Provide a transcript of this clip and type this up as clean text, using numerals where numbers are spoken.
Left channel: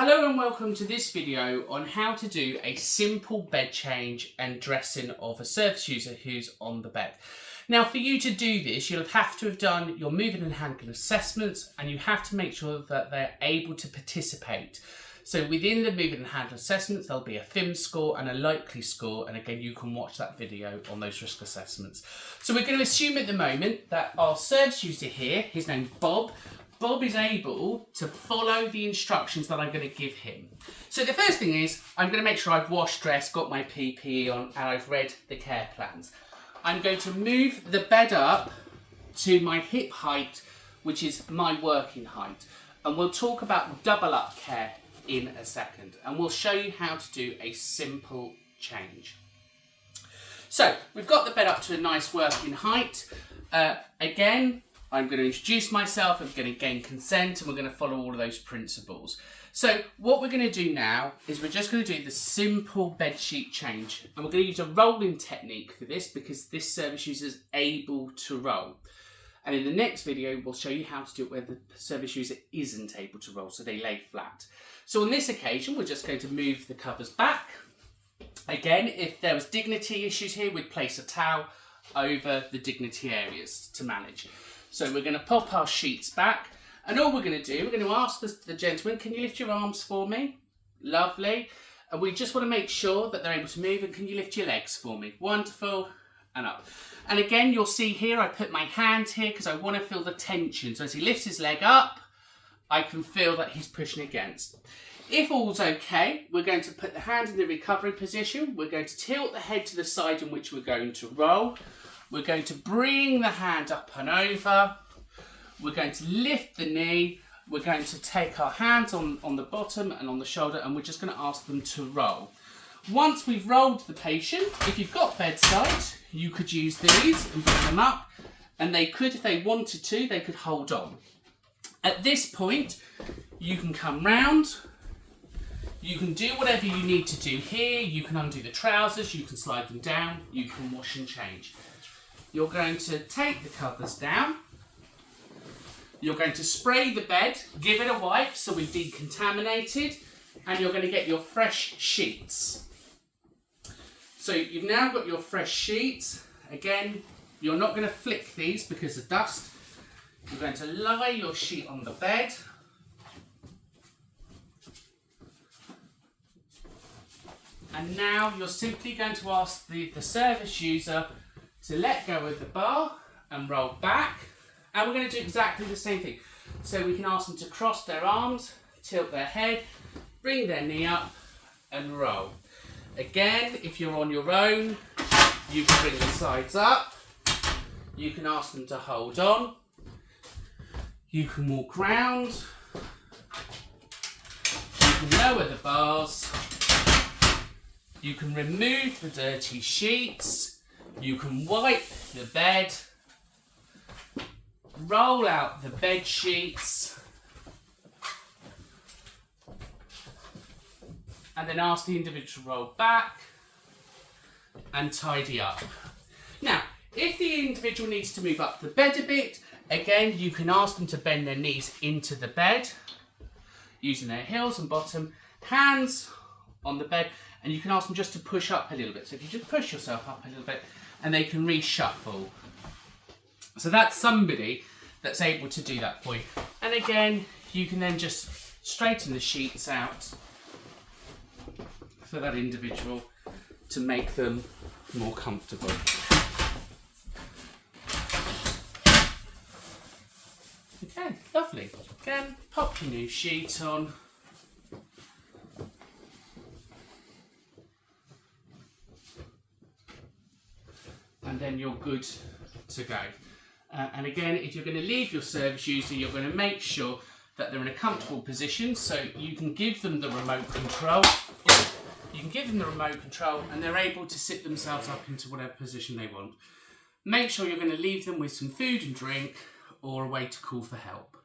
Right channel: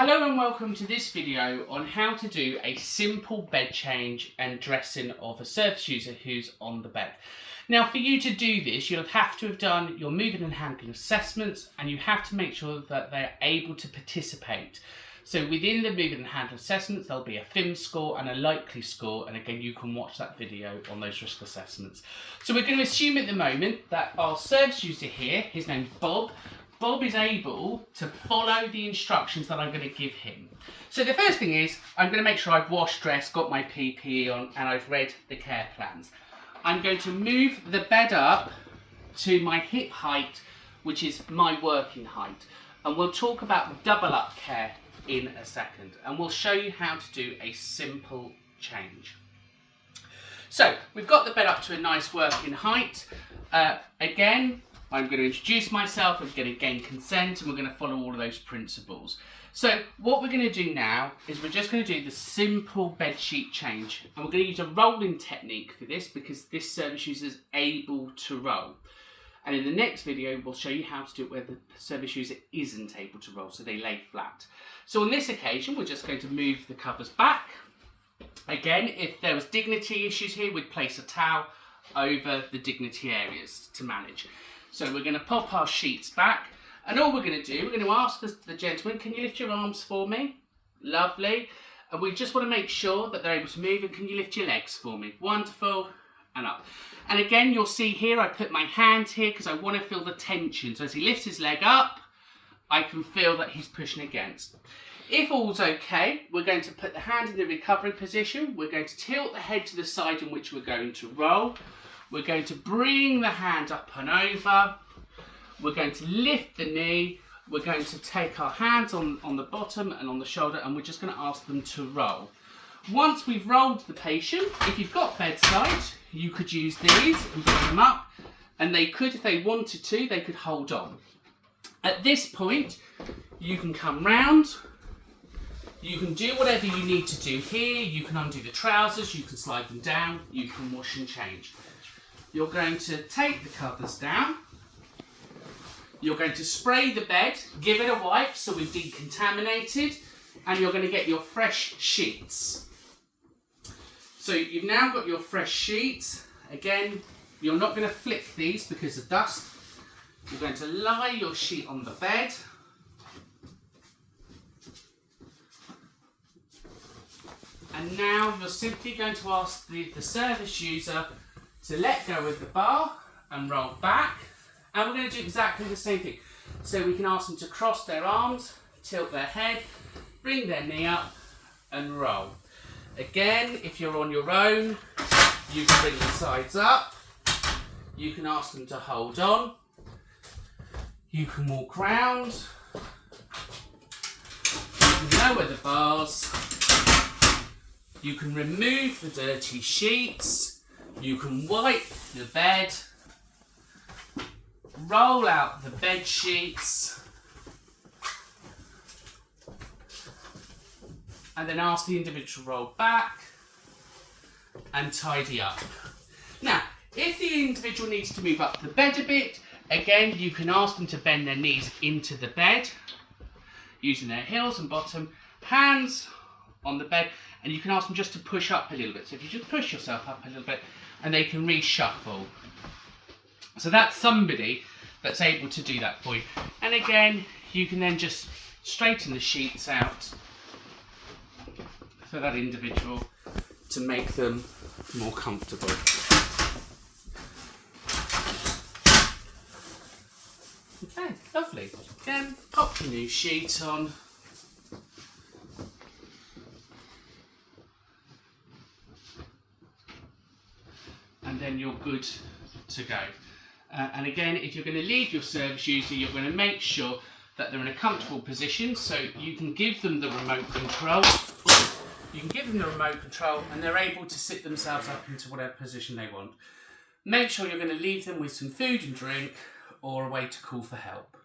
Hello and welcome to this video on how to do a simple bed change and dressing of a service user who's on the bed. Now, for you to do this, you'll have to have done your moving and handling assessments, and you have to make sure that they're able to participate. So within the moving and handling assessments, there'll be a FIM score and a likely score, and again, you can watch that video on those risk assessments. So we're going to assume at the moment that our service user here, his name's Bob, is able to follow the instructions that I'm going to give him. So the first thing is, I'm going to make sure I've washed, dressed, got my PPE on, and I've read the care plans. I'm going to move the bed up to my hip height, which is my working height. And we'll talk about double up care in a second. And we'll show you how to do a simple change. So we've got the bed up to a nice working height. Again, I'm going to introduce myself, I'm going to gain consent, and we're going to follow all of those principles. So what we're going to do now is we're just going to do the simple bed sheet change. And we're going to use a rolling technique for this because this service user is able to roll. And in the next video, we'll show you how to do it where the service user isn't able to roll, so they lay flat. So on this occasion, we're just going to move the covers back. Again, if there was dignity issues here, we'd place a towel over the dignity areas to manage. So we're going to pop our sheets back, and all we're going to do, we're going to ask the gentleman, can you lift your arms for me? Lovely. And we just want to make sure that they're able to move, and can you lift your legs for me? Wonderful, and up. And again, you'll see here, I put my hand here because I want to feel the tension. So as he lifts his leg up, I can feel that he's pushing against. If all's okay, we're going to put the hand in the recovery position. We're going to tilt the head to the side in which we're going to roll. We're going to bring the hand up and over. We're going to lift the knee. We're going to take our hands on the bottom and on the shoulder, and we're just going to ask them to roll. Once we've rolled the patient, if you've got bedside, you could use these and bring them up, and they could, if they wanted to, they could hold on. At this point, you can come round. You can do whatever you need to do here. You can undo the trousers, you can slide them down, you can wash and change. You're going to take the covers down. You're going to spray the bed, give it a wipe so we've decontaminated, and you're going to get your fresh sheets. So you've now got your fresh sheets. Again, you're not going to flick these because of dust. You're going to lie your sheet on the bed. And now you're simply going to ask the service user to let go of the bar and roll back. And we're going to do exactly the same thing. So we can ask them to cross their arms, tilt their head, bring their knee up and roll. Again, if you're on your own, you can bring the sides up. You can ask them to hold on. You can walk round. You can lower the bars. You can remove the dirty sheets. You can wipe the bed, roll out the bed sheets, and then ask the individual to roll back and tidy up. Now, if the individual needs to move up the bed a bit, again, you can ask them to bend their knees into the bed, using their heels and bottom, hands on the bed, and you can ask them just to push up a little bit. So if you just push yourself up a little bit, and they can reshuffle. So that's somebody that's able to do that for you. And again, you can then just straighten the sheets out for that individual to make them more comfortable. Okay, lovely. Again, pop the new sheet on. And then you're good to go. And again, if you're going to leave your service user, you're going to make sure that they're in a comfortable position, so you can give them the remote control. You can give them the remote control, and they're able to sit themselves up into whatever position they want. Make sure you're going to leave them with some food and drink or a way to call for help.